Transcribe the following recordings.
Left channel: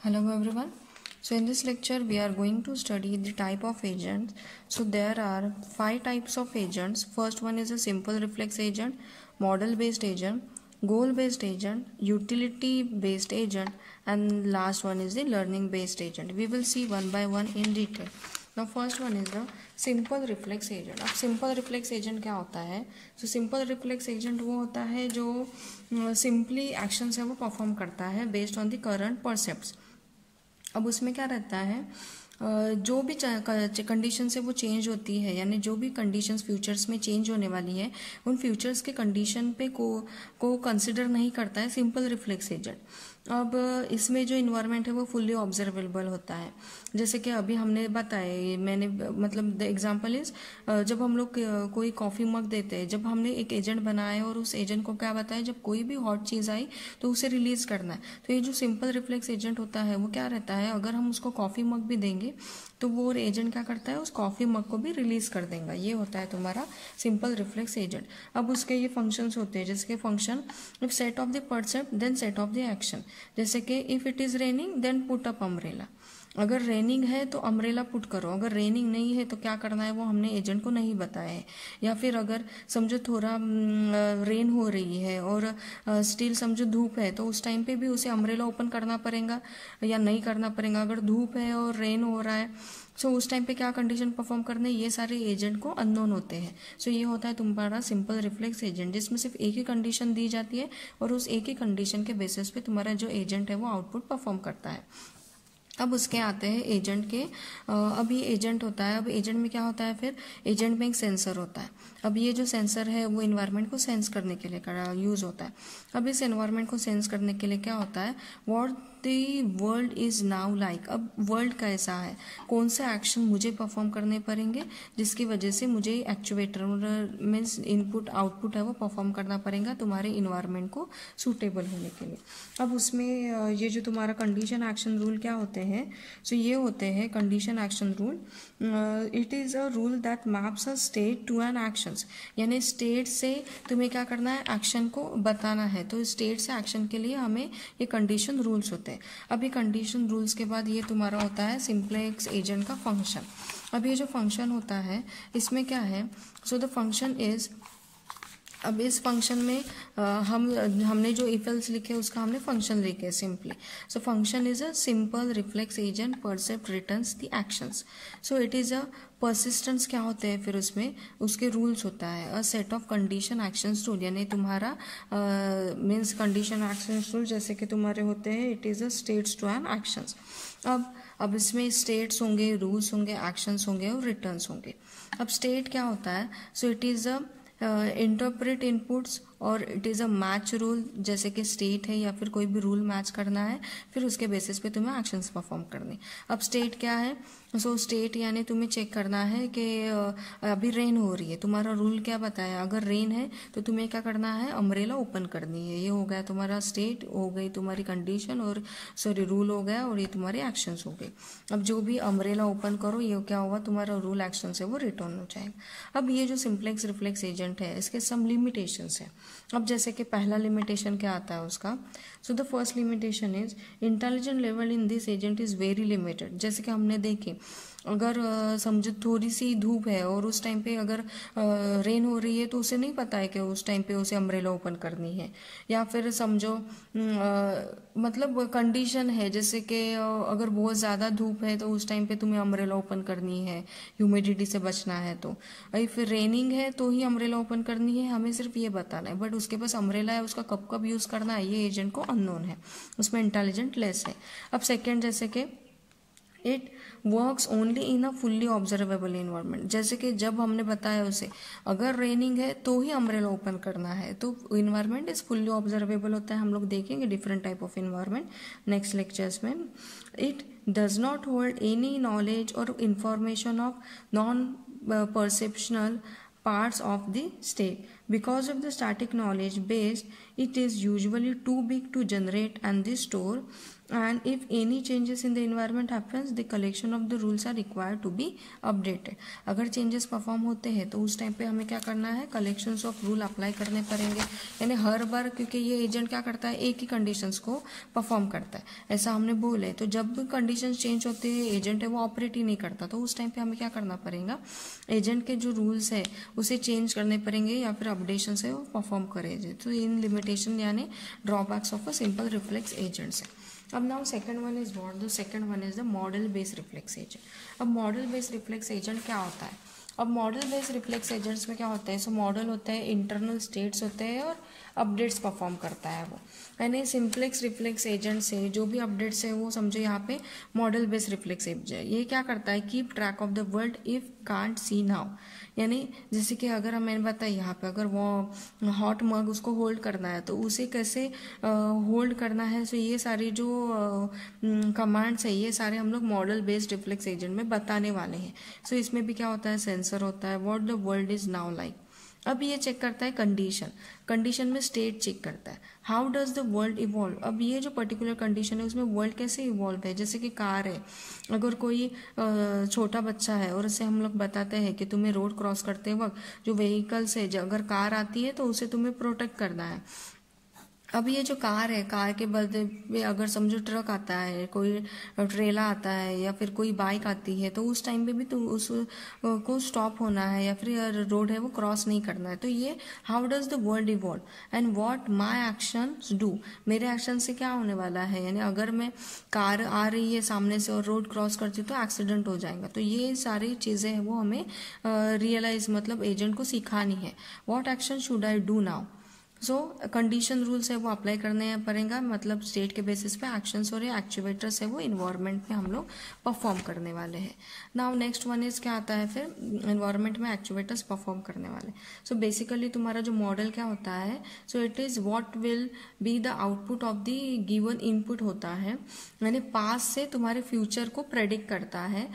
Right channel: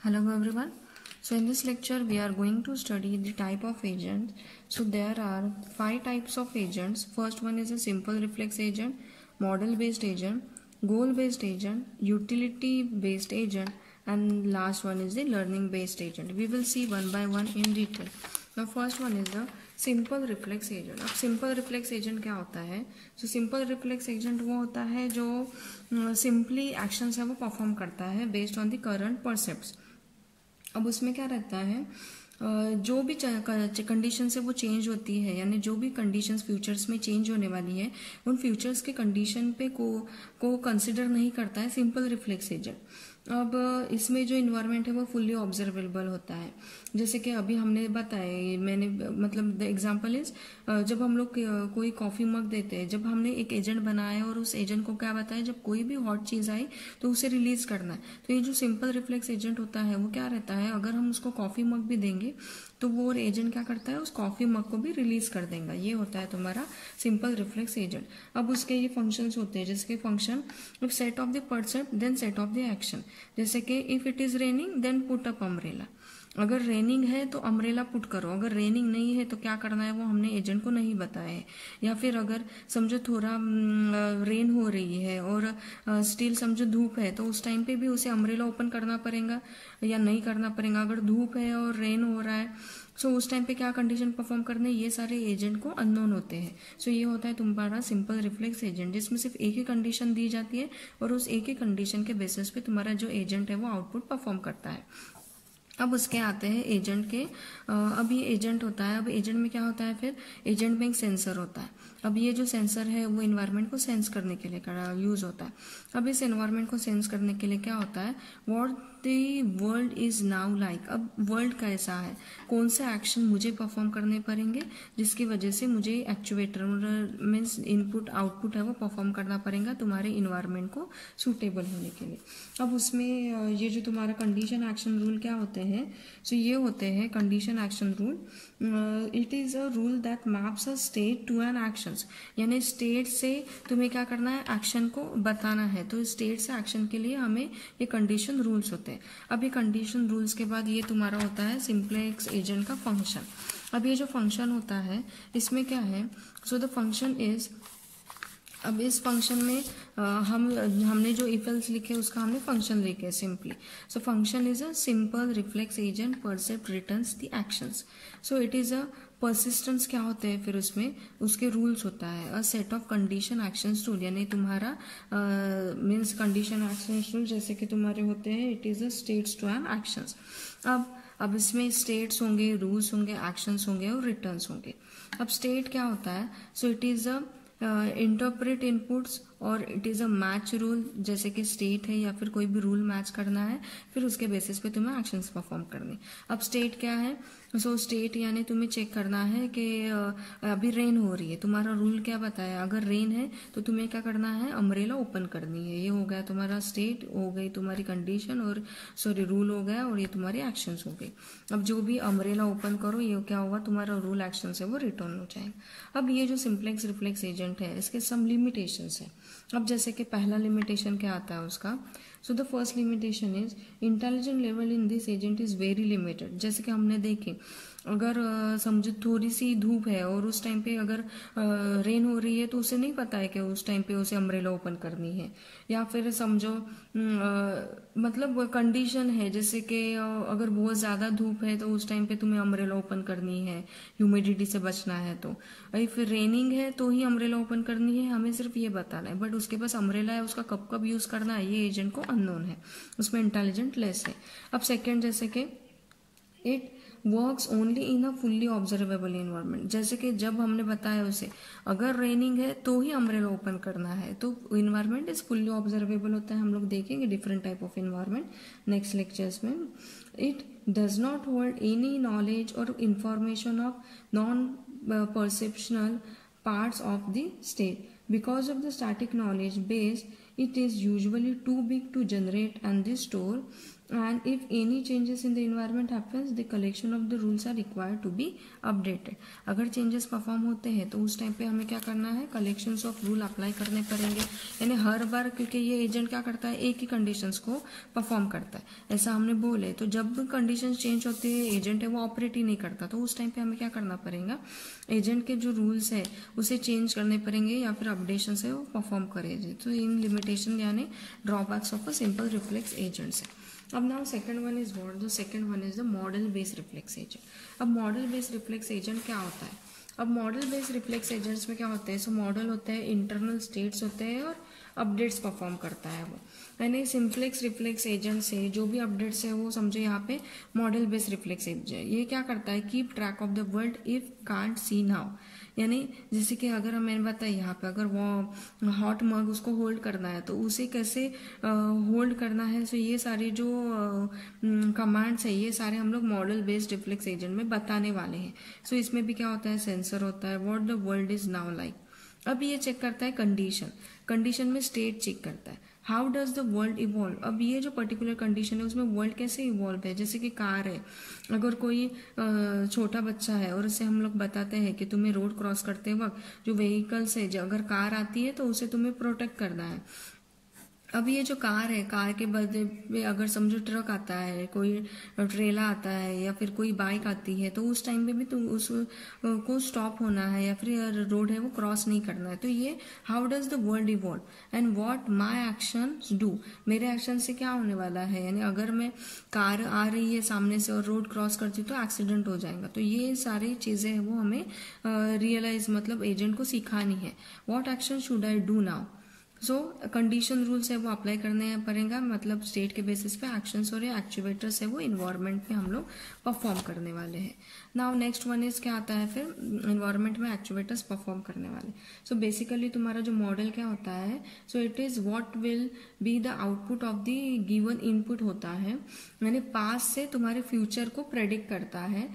Hello everyone. So in this lecture we are going to study the type of agents. So there are 5 types of agents. First one is a simple reflex agent, model based agent, goal based agent, utility based agent, and last one is the learning based agent. We will see one by one in detail. Now first one is the simple reflex agent. अब simple reflex agent क्या होता है? तो simple reflex agent वो होता है जो simply actions है वो परफॉर्म करता है बेस्ड ऑन द करंट परसेप्ट्स. अब उसमें क्या रहता है, जो भी कंडीशन है वो चेंज होती है, यानी जो भी कंडीशंस फ्यूचर्स में चेंज होने वाली है उन फ्यूचर्स के कंडीशन पे को कंसिडर नहीं करता है सिंपल रिफ्लेक्स एजेंट. अब इसमें जो इन्वायरमेंट है वो फुल्ली ऑब्जर्वेबल होता है. जैसे कि अभी हमने बताया, मैंने मतलब द एग्जांपल इज, जब हम लोग कोई कॉफी मग देते हैं, जब हमने एक एजेंट बनाया और उस एजेंट को क्या बताया, जब कोई भी हॉट चीज आई तो उसे रिलीज करना है. तो ये जो सिंपल रिफ्लेक्स एजेंट होता है वो क्या रहता है, अगर हम उसको कॉफी मग भी देंगे तो वो एजेंट क्या करता है, उस कॉफी मग को भी रिलीज कर देगा. ये होता है तुम्हारा सिंपल रिफ्लेक्स एजेंट. अब उसके ये फंक्शंस होते हैं, जैसे function if set of the person then set of the action. जैसे कि if it is raining then put up umbrella. अगर रेनिंग है तो अम्ब्रेला पुट करो, अगर रेनिंग नहीं है तो क्या करना है वो हमने एजेंट को नहीं बताया है. या फिर अगर समझो थोड़ा रेन हो रही है और स्टिल समझो धूप है तो उस टाइम पे भी उसे अम्ब्रेला ओपन करना पड़ेगा या नहीं करना पड़ेगा. अगर धूप है और रेन हो रहा है सो उस टाइम पे क्या कंडीशन परफॉर्म करने, ये सारे एजेंट को अननोन होते हैं. सो ये होता है तुम्हारा सिंपल रिफ्लेक्स एजेंट, जिसमें सिर्फ एक ही कंडीशन दी जाती है और उस एक ही कंडीशन के बेसिस पे तुम्हारा जो एजेंट है वो आउटपुट परफॉर्म करता है. अब उसके आते हैं एजेंट के. अब ये एजेंट होता है. अब एजेंट में क्या होता है, फिर एजेंट में एक सेंसर होता है. अब ये जो सेंसर है वो एनवायरनमेंट को सेंस करने के लिए यूज होता है. अब इस एनवायरनमेंट को सेंस करने के लिए क्या होता है, what the world is now like. अब वर्ल्ड कैसा है, कौन से एक्शन मुझे परफॉर्म करने पड़ेंगे जिसकी वजह से मुझे एक्चुएटर मीन्स इनपुट आउटपुट है वो परफॉर्म करना पड़ेगा तुम्हारे इन्वायरमेंट को सूटेबल होने के लिए. अब उसमें ये जो तुम्हारा कंडीशन एक्शन रूल क्या होते हैं, सो ये होते हैं condition action rule. It is a rule that maps a state to an actions. यानी स्टेट से तुम्हें क्या करना है, एक्शन को बताना है. तो स्टेट से एक्शन के लिए हमें ये कंडीशन रूल्स होते हैं. अब ये कंडीशन रूल्स के बाद ये तुम्हारा होता है सिंप्लेक्स एजेंट का फंक्शन. अब ये जो फंक्शन होता है इसमें क्या है, सो द फंक्शन इज, अब इस फंक्शन में हमने जो इफ एल्स लिखे उसका हमने फंक्शन लिखे simply. So function is a simple reflex agent percept returns the actions. So it is a persistence. क्या होते हैं फिर उसमें उसके रूल्स होता है, a set of condition actions rule. यानी तुम्हारा मीन्स कंडीशन एक्शंस रूल जैसे कि तुम्हारे होते हैं, it is a states to an actions. अब इसमें स्टेट्स होंगे, रूल्स होंगे, एक्शंस होंगे और रिटर्न्स होंगे. अब स्टेट क्या होता है, so it is a interpret inputs और it is a match rule. जैसे कि स्टेट है या फिर कोई भी रूल मैच करना है, फिर उसके बेसिस पे तुम्हें एक्शंस परफॉर्म करने. अब स्टेट क्या है, सो स्टेट यानी तुम्हें चेक करना है कि अभी रेन हो रही है. तुम्हारा रूल क्या बताया, अगर रेन है तो तुम्हें क्या करना है, अम्ब्रेला ओपन करनी है. ये हो गया तुम्हारा स्टेट, हो गई तुम्हारी कंडीशन, और सॉरी रूल हो गया, और ये तुम्हारे एक्शंस हो गए. अब जो भी अम्ब्रेला ओपन करो ये क्या होगा, तुम्हारा रूल एक्शन से वो रिटर्न हो जाएगा. अब ये जो सिंप्लेक्स रिफ्लेक्स एजेंट है इसके सम लिमिटेशंस है. अब जैसे कि पहला लिमिटेशन क्या आता है उसका, so the first limitation is intelligent level in this agent is very limited. जैसे कि हमने देखे, अगर समझो थोड़ी सी धूप है और उस टाइम पे अगर रेन हो रही है तो उसे नहीं पता है कि उस टाइम पे उसे अम्ब्रेला ओपन करनी है. या फिर समझो मतलब कंडीशन है, जैसे कि अगर बहुत ज़्यादा धूप है तो उस टाइम पे तुम्हें अम्ब्रेला ओपन करनी है, ह्यूमिडिटी से बचना है. तो फिर रेनिंग है तो ही अम्ब्रेला ओपन करनी है, हमें सिर्फ ये बताना है. बट उसके पास अम्ब्रेला है, उसका कब कब यूज़ करना है ये एजेंट को अननोन है, उसमें इंटेलिजेंट लेस है. अब सेकेंड, जैसे कि it works only in a fully observable environment. जैसे कि जब हमने बताया उसे अगर रेनिंग है तो ही अम्ब्रेला ओपन करना है, तो इन्वायरमेंट इज फुल्ली ऑब्जर्वेबल होता है. हम लोग देखेंगे different type of environment next lectures में. It does not hold any knowledge और information of non perceptional parts of the state. Because of the static knowledge base, it is usually too big to generate and store and if any changes in the environment happens, the collection of the rules are required to be updated. अगर changes perform होते हैं तो उस time पे हमें क्या करना है, collections of rule अप्लाई करने पड़ेंगे. यानी हर बार, क्योंकि ये एजेंट क्या करता है, एक ही कंडीशंस को परफॉर्म करता है, ऐसा हमने बोले. तो जब भी कंडीशंस चेंज होती है, एजेंट है वो ऑपरेट ही नहीं करता, तो उस टाइम पे हमें क्या करना पड़ेगा, एजेंट के जो रूल्स है उसे चेंज करने पड़ेंगे या फिर अपडेशन से वो परफॉर्म करेंगे. तो इन लिमिटेशन यानी drawbacks of a simple reflex agents है. अब now second one is what, the second one is the model based reflex agent. अब मॉडल बेस्ड रिफ्लेक्स एजेंट क्या होता है? अब मॉडल बेस्ड रिफ्लेक्स एजेंट्स में क्या होता है, सो मॉडल होता है, इंटरनल स्टेट्स होते हैं और अपडेट्स परफॉर्म करता है वो. यानी सिंप्लेक्स रिफ्लेक्स एजेंट से जो भी अपडेट्स है वो समझो यहाँ पे मॉडल बेस्ड रिफ्लेक्स एजेंट. ये क्या करता है, keep track of the world if can't see now. यानी जैसे कि अगर मैंने बताया यहाँ पे, अगर वो हॉट मग उसको होल्ड करना है तो उसे कैसे होल्ड करना है, सो ये सारी जो कमांड्स है ये सारे हम लोग मॉडल बेस्ड रिफ्लेक्स एजेंट में बताने वाले हैं. सो इसमें भी क्या होता है, सेंसर होता है, what the world is now like. अब ये चेक करता है कंडीशन, कंडीशन में स्टेट चेक करता है, how does the world evolve. अब ये जो पर्टिकुलर कंडीशन है उसमें वर्ल्ड कैसे इवॉल्व है. जैसे कि कार है, अगर कोई छोटा बच्चा है और उसे हम लोग बताते हैं कि तुम्हें रोड क्रॉस करते वक्त जो व्हीकल्स है, अगर कार आती है तो उसे तुम्हें प्रोटेक्ट करना है. अब ये जो कार है, कार के बदले में अगर समझो ट्रक आता है, कोई ट्रेला आता है या फिर कोई बाइक आती है, तो उस टाइम पे भी तुम उसको स्टॉप होना है या फिर रोड है वो क्रॉस नहीं करना है. तो ये how does the world evolve and what my actions do. मेरे एक्शन से क्या होने वाला है, यानी अगर मैं कार आ रही है सामने से और रोड क्रॉस करती हूँ तो एक्सीडेंट हो जाएगा. तो ये सारी चीजें हैं वो हमें रियलाइज मतलब एजेंट को सिखानी है. What action should I do now. So condition rules है वो अप्लाई करने पड़ेगा, मतलब स्टेट के बेसिस पे एक्शंस और एक्टिवेटर्स है वो इन्वायरमेंट में हम लोग परफॉर्म करने वाले हैं. नाउ नेक्स्ट वन इज क्या आता है, फिर इन्वायरमेंट में एक्टिवेटर्स परफॉर्म करने वाले. सो बेसिकली तुम्हारा जो मॉडल क्या होता है, so it is what will be the output of the given input होता है, यानी पास से तुम्हारे फ्यूचर को प्रेडिक्ट करता है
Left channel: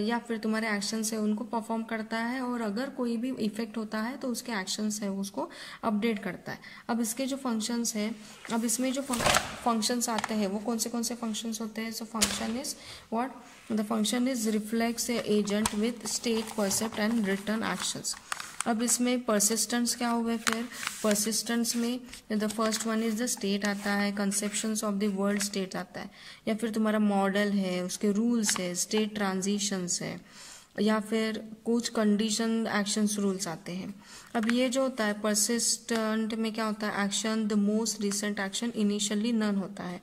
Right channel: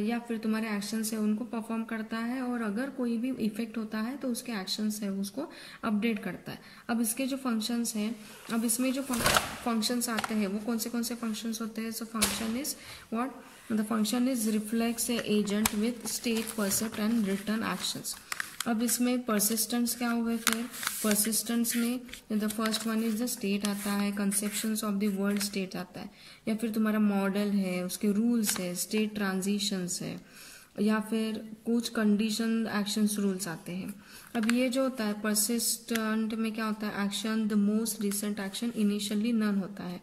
या फिर तुम्हारे एक्शन से उनको परफॉर्म करता है, और अगर कोई भी इफेक्ट होता है तो उसके एक्शंस है उसको अपडेट करता है. अब इसके जो फंक्शंस है, अब इसमें जो फंक्शंस आते हैं वो कौन से फंक्शंस होते हैं. So function is what, the function is reflex agent with state, percept and return actions. अब इसमें परसिस्टेंस क्या हुए, फिर परसिस्टेंस में the first one is the state आता है, conceptions of the world state आता है, या फिर तुम्हारा मॉडल है, उसके रूल्स है, स्टेट ट्रांजिशंस है, या फिर कुछ कंडीशन एक्शंस रूल्स आते हैं. अब ये जो होता है परसिस्टेंट में क्या होता है, action the most recent action initially none होता है.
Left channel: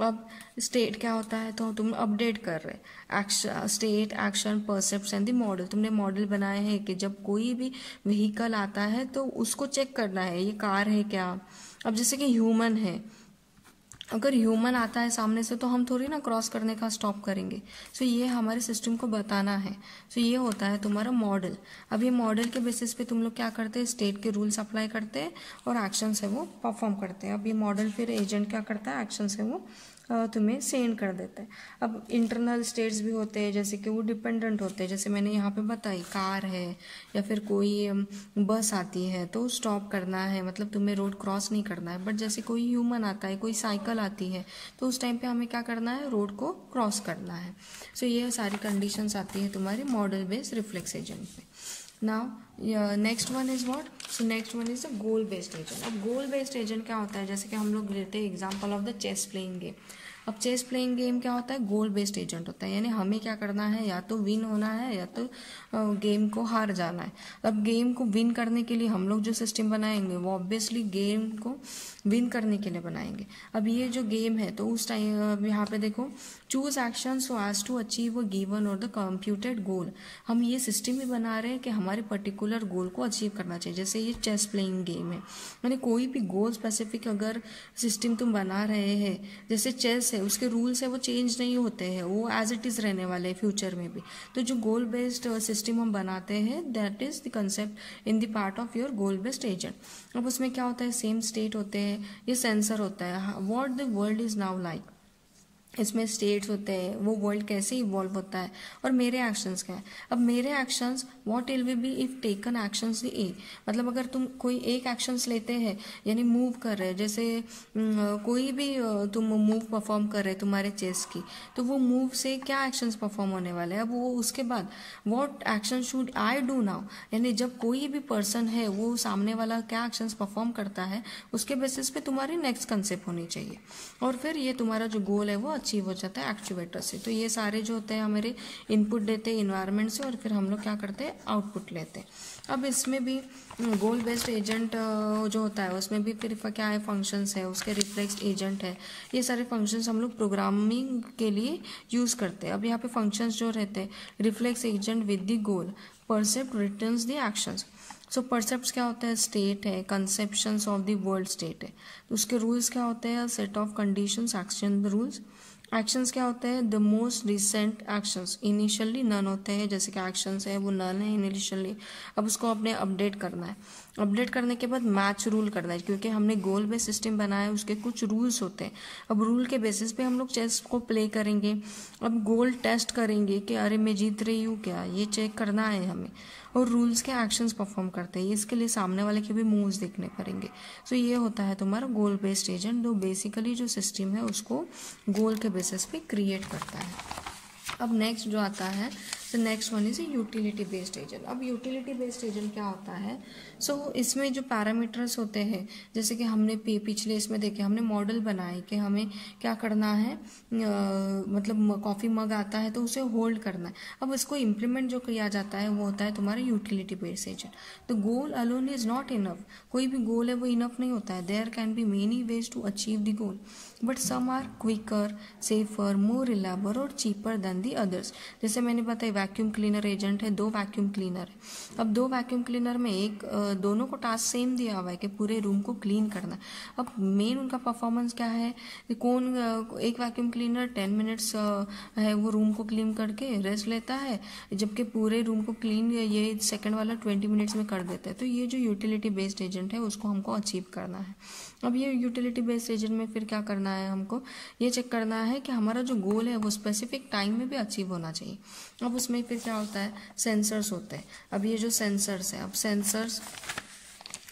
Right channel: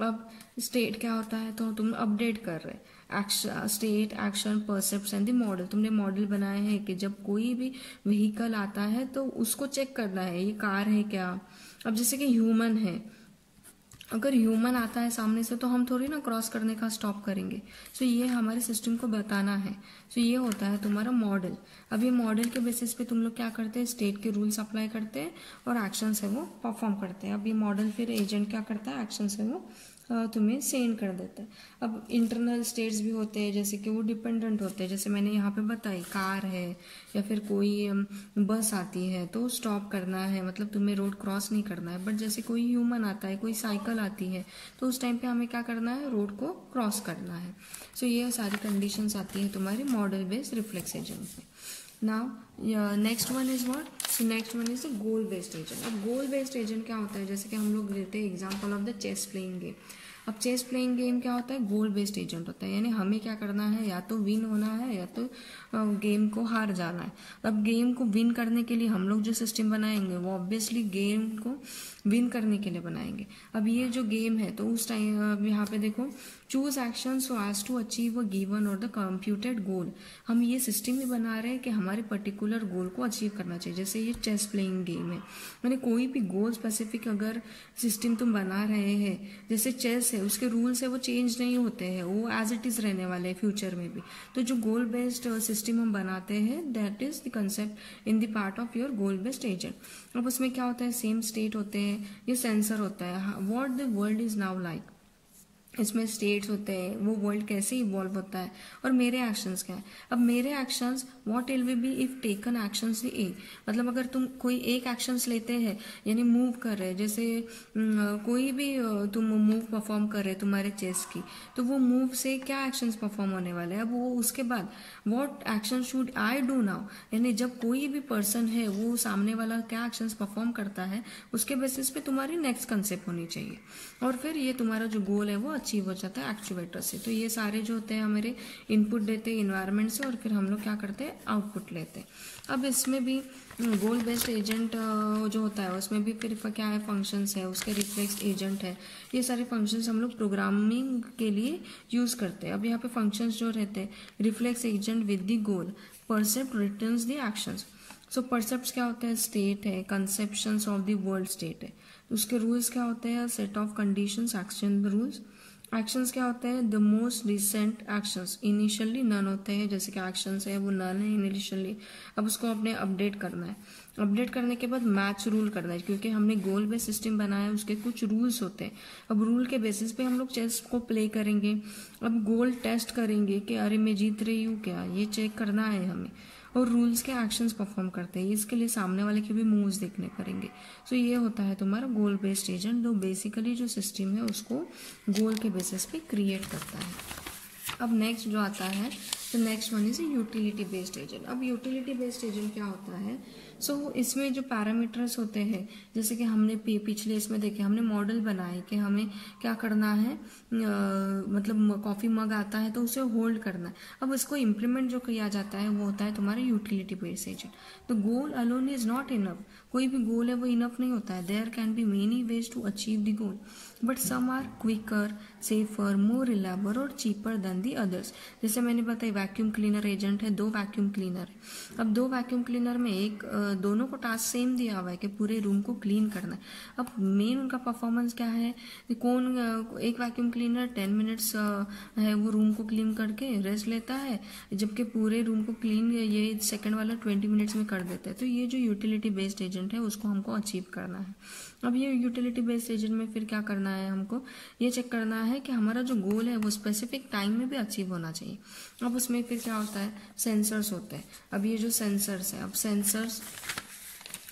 अब स्टेट क्या होता है, तो तुम अपडेट कर रहे action, state, action, percept and the model. तुमने मॉडल बनाया है कि जब कोई भी व्हीकल आता है तो उसको चेक करना है ये कार है क्या. अब जैसे कि ह्यूमन है, अगर ह्यूमन आता है सामने से तो हम थोड़ी ना क्रॉस करने का स्टॉप करेंगे. सो ये हमारे सिस्टम को बताना है. सो ये होता है तुम्हारा मॉडल. अब ये मॉडल के बेसिस पे तुम लोग क्या करते हैं, स्टेट के रूल्स अप्लाई करते हैं और एक्शन से वो परफॉर्म करते हैं. अब ये मॉडल फिर एजेंट क्या करता है, एक्शन से वो तुम्हें सेंड कर देता है. अब इंटरनल स्टेट्स भी होते हैं, जैसे कि वो डिपेंडेंट होते हैं, जैसे मैंने यहाँ पे बताई कार है या फिर कोई बस आती है तो स्टॉप करना है, मतलब तुम्हें रोड क्रॉस नहीं करना है. बट जैसे कोई ह्यूमन आता है, कोई साइकिल आती है तो उस टाइम पे हमें क्या करना है, रोड को क्रॉस करना है. सो ये सारी कंडीशंस आती है तुम्हारी मॉडल बेस्ड रिफ्लेक्स एजेंट में. Now next one is what, so next one is the goal based agent. अब गोल बेस्ड एजेंट क्या होता है, जैसे कि हम लोग लेते हैं example of the chess playing game. अब चेस प्लेइंग गेम क्या होता है, गोल बेस्ड एजेंट होता है, यानी हमें क्या करना है, या तो विन होना है या तो गेम को हार जाना है. अब गेम को विन करने के लिए हम लोग जो सिस्टम बनाएंगे वो ऑब्वियसली गेम को विन करने के लिए बनाएंगे. अब ये जो गेम है तो उस टाइम यहाँ पे देखो, choose action so as to achieve a given और द कंप्यूटेड गोल. हम ये सिस्टम भी बना रहे हैं कि हमारे पर्टिकुलर गोल को अचीव करना चाहिए. जैसे ये चेस प्लेइंग गेम है, यानी कोई भी गोल स्पेसिफिक अगर सिस्टम तुम बना रहे हैं, जैसे चेस है उसके रूल्स है वो चेंज नहीं होते हैं, वो एज इट इज रहने वाले हैं फ्यूचर में भी. तो जो गोल बेस्ड सिस्टम हम बनाते हैं that is the concept in the part of your goal based agent. अब उसमें क्या होता है, सेम स्टेट होते हैं, ये सेंसर होता है, what the world is now like. इसमें स्टेट्स होते हैं, वो वर्ल्ड कैसे इवॉल्व होता है, और मेरे एक्शंस क्या है। अब मेरे actions what will be if taken actions a, मतलब अगर तुम कोई एक एक्शंस लेते हैं, यानी मूव कर रहे हैं, जैसे कोई भी तुम मूव परफॉर्म कर रहे हैं तुम्हारे चेस्ट की, तो वो मूव से क्या एक्शंस परफॉर्म होने वाले हैं। अब वो उसके बाद what action should I do now, यानी जब कोई भी पर्सन है वो सामने वाला क्या एक्शंस परफॉर्म करता है, उसके बेसिस पे तुम्हारी नेक्स्ट कंसेप्ट होनी चाहिए, और फिर ये तुम्हारा जो गोल है वो अचीव हो जाता है एक्चुएटर से। तो ये सारे जो होते हैं हमारे इनपुट देते हैं इन्वायरमेंट से, और फिर हम लोग क्या करते हैं, आउटपुट लेते हैं। अब इसमें भी गोल बेस्ड एजेंट जो होता है उसमें भी फिर क्या है, फंक्शंस है, उसके रिफ्लेक्स एजेंट है, ये सारे फंक्शंस हम लोग प्रोग्रामिंग के लिए यूज करते हैं। अब यहाँ पे फंक्शंस जो रहते हैं, reflex agent with the goal, percept returns the actions. So percept क्या होता है, स्टेट है, conceptions of the world state है। उसके रूल्स क्या होते हैं, set of conditions, action rules. Actions क्या होते हैं, the most recent actions, initially none होते हैं, जैसे कि एक्शंस है वो नन है इनिशियली। अब उसको अपने अपडेट करना है, अपडेट करने के बाद मैच रूल करना है, क्योंकि हमने गोल बेस्ड सिस्टम बनाया है, उसके कुछ रूल्स होते हैं। अब रूल के बेसिस पे हम लोग चेस को प्ले करेंगे। अब गोल टेस्ट करेंगे कि अरे मैं जीत रही हूँ क्या, ये चेक करना है हमें, और रूल्स के एक्शंस परफॉर्म करते हैं, इसके लिए सामने वाले के भी मूव्स देखने पड़ेंगे। सो ये होता है तुम्हारा गोल बेस्ड एजेंट, जो बेसिकली जो सिस्टम है उसको गोल के बेसिस पे क्रिएट करता है। अब नेक्स्ट जो आता है, तो next one is utility based agent. अब यूटिलिटी बेस्ड एजेंट क्या होता है, इसमें जो पैरामीटर्स होते हैं, जैसे कि हमने पिछले इसमें देखे, हमने मॉडल बनाए कि हमें क्या करना है, मतलब कॉफ़ी मग आता है तो उसे होल्ड करना है। अब इसको इम्प्लीमेंट जो किया जाता है वो होता है तुम्हारा यूटिलिटी बेस्ड एजेंट। तो गोल अलोन इज नॉट इनफ, कोई भी गोल है वो इनफ नहीं होता है। There can be many ways to achieve the goal, but some are quicker, safer, more reliable और चीपर देन दी अदर्स। जैसे मैंने बताया वैक्यूम क्लीनर एजेंट है, 2 वैक्यूम क्लीनर है। अब 2 वैक्यूम क्लीनर में दोनों को टास्क सेम दिया हुआ है कि पूरे रूम को क्लीन करना है। अब मेन उनका परफॉर्मेंस क्या है, एक वैक्यूम क्लीनर 10 मिनट्स है वो रूम को क्लीन करके रेस्ट लेता है, जबकि पूरे रूम को क्लीन ये सेकंड वाला 20 मिनट्स में कर देता है। तो ये जो यूटिलिटी बेस्ड एजेंट है उसको हमको अचीव करना है। अब ये यूटिलिटी बेस्ड एजेंट में फिर क्या करना है, हमको ये चेक करना है कि हमारा जो गोल है वो स्पेसिफिक टाइम में भी अचीव होना चाहिए। अब उसमें फिर क्या होता है, सेंसर्स होते हैं। अब ये जो सेंसर्स है, अब sensors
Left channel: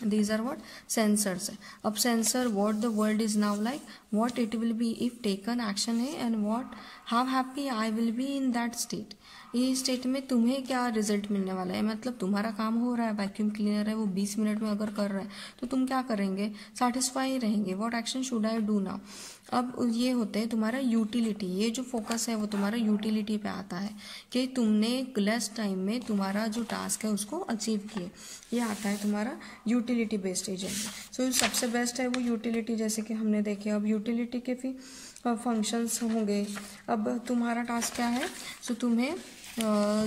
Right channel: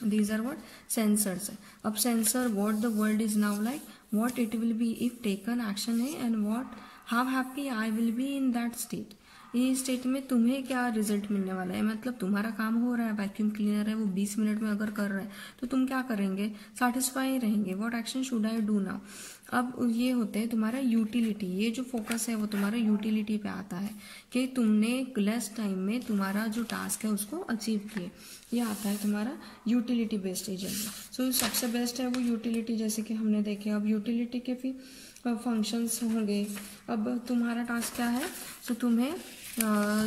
these are what sensors है। अब sensor what the world is now like, what it will be if taken action है, and what how happy I will be in that state। ये स्टेट में तुम्हें क्या result मिलने वाला है, मतलब तुम्हारा काम हो रहा है, वैक्यूम क्लीनर है वो 20 मिनट में अगर कर रहा है तो तुम क्या करेंगे, सेटिस्फाई रहेंगे। What action should I do now. अब ये होते हैं तुम्हारा यूटिलिटी, ये जो फोकस है वो तुम्हारा यूटिलिटी पे आता है कि तुमने लेस टाइम में तुम्हारा जो टास्क है उसको अचीव किए, ये आता है तुम्हारा यूटिलिटी बेस्ड एजेंट। सो सबसे बेस्ट है वो यूटिलिटी, जैसे कि हमने देखे। अब यूटिलिटी के फिर फंक्शंस होंगे। अब तुम्हारा टास्क क्या है, सो तुम्हें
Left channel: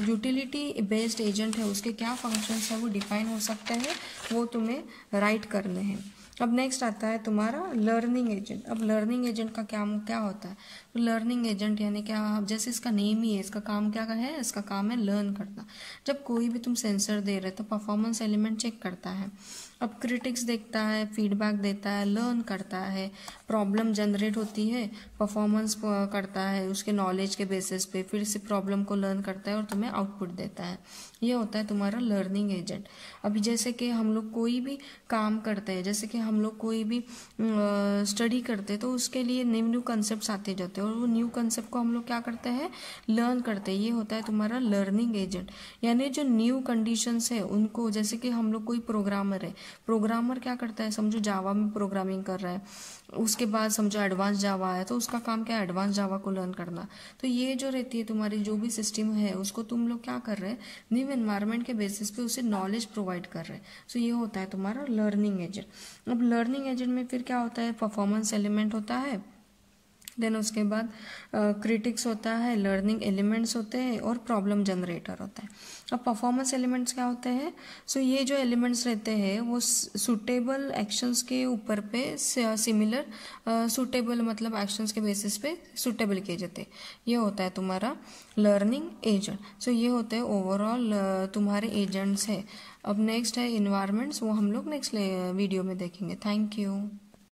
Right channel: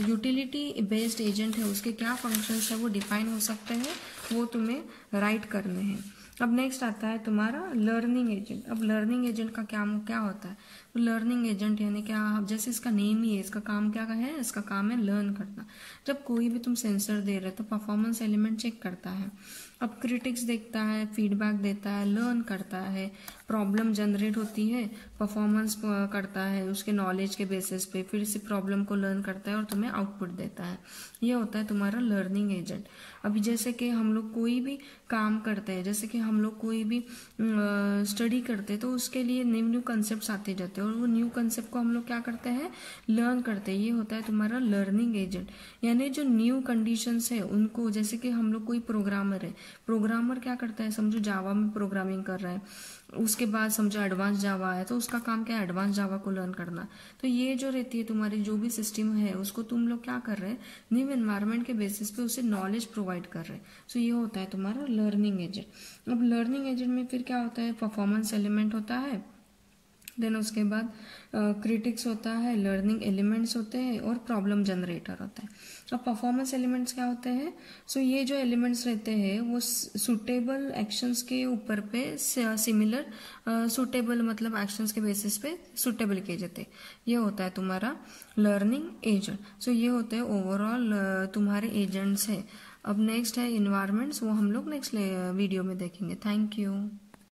यूटिलिटी बेस्ड एजेंट है उसके क्या फंक्शंस है वो डिफाइन हो सकते हैं, वो तुम्हें राइट करने हैं। अब नेक्स्ट आता है तुम्हारा लर्निंग एजेंट। अब लर्निंग एजेंट का क्या होता है, लर्निंग एजेंट यानी क्या, जैसे इसका नेम ही है, इसका काम क्या है, इसका काम है लर्न करना। जब कोई भी तुम सेंसर दे रहे तो परफॉर्मेंस एलिमेंट चेक करता है, अब क्रिटिक्स देखता है, फीडबैक देता है, लर्न करता है, प्रॉब्लम जनरेट होती है, परफॉर्मेंस करता है उसके नॉलेज के बेसिस पे, फिर से प्रॉब्लम को लर्न करता है और तुम्हें आउटपुट देता है। ये होता है तुम्हारा लर्निंग एजेंट। अभी जैसे कि हम लोग कोई भी काम करते हैं, जैसे कि हम लोग कोई भी स्टडी करते हैं तो उसके लिए न्यू कंसेप्ट आते जाते हैं और वो न्यू कंसेप्ट को हम लोग क्या करते हैं, लर्न करते हैं। ये होता है तुम्हारा लर्निंग एजेंट। यानी जो न्यू कंडीशंस है उनको, जैसे कि हम लोग कोई प्रोग्रामर है, प्रोग्रामर क्या करता है, समझो जावा में प्रोग्रामिंग कर रहा है, उसके बाद समझो एडवांस जावा है तो उसका काम क्या है, एडवांस जावा को लर्न करना। तो ये जो रहती है तुम्हारी जो भी सिस्टम है उसको तुम लोग क्या कर रहे हैं, न्यू एनवायरनमेंट के बेसिस पे उसे नॉलेज प्रोवाइड कर रहे हैं। सो ये होता है तुम्हारा लर्निंग एजेंट। अब लर्निंग एजेंट में फिर क्या होता है, परफॉर्मेंस एलिमेंट होता है, देन उसके बाद क्रिटिक्स होता है, लर्निंग एलिमेंट्स होते हैं और प्रॉब्लम जनरेटर होता है। अब परफॉर्मेंस एलिमेंट्स क्या होते हैं, सो ये जो एलिमेंट्स रहते हैं वो सूटेबल एक्शंस के ऊपर पे सिमिलर सूटेबल मतलब एक्शंस के बेसिस पे सूटेबल किए जाते हैं। ये होता है तुम्हारा लर्निंग एजेंट। सो ये होते हैं ओवरऑल तुम्हारे एजेंट्स है। अब नेक्स्ट है इन्वायरमेंट्स, वो हम लोग नेक्स्ट वीडियो में देखेंगे। Thank you.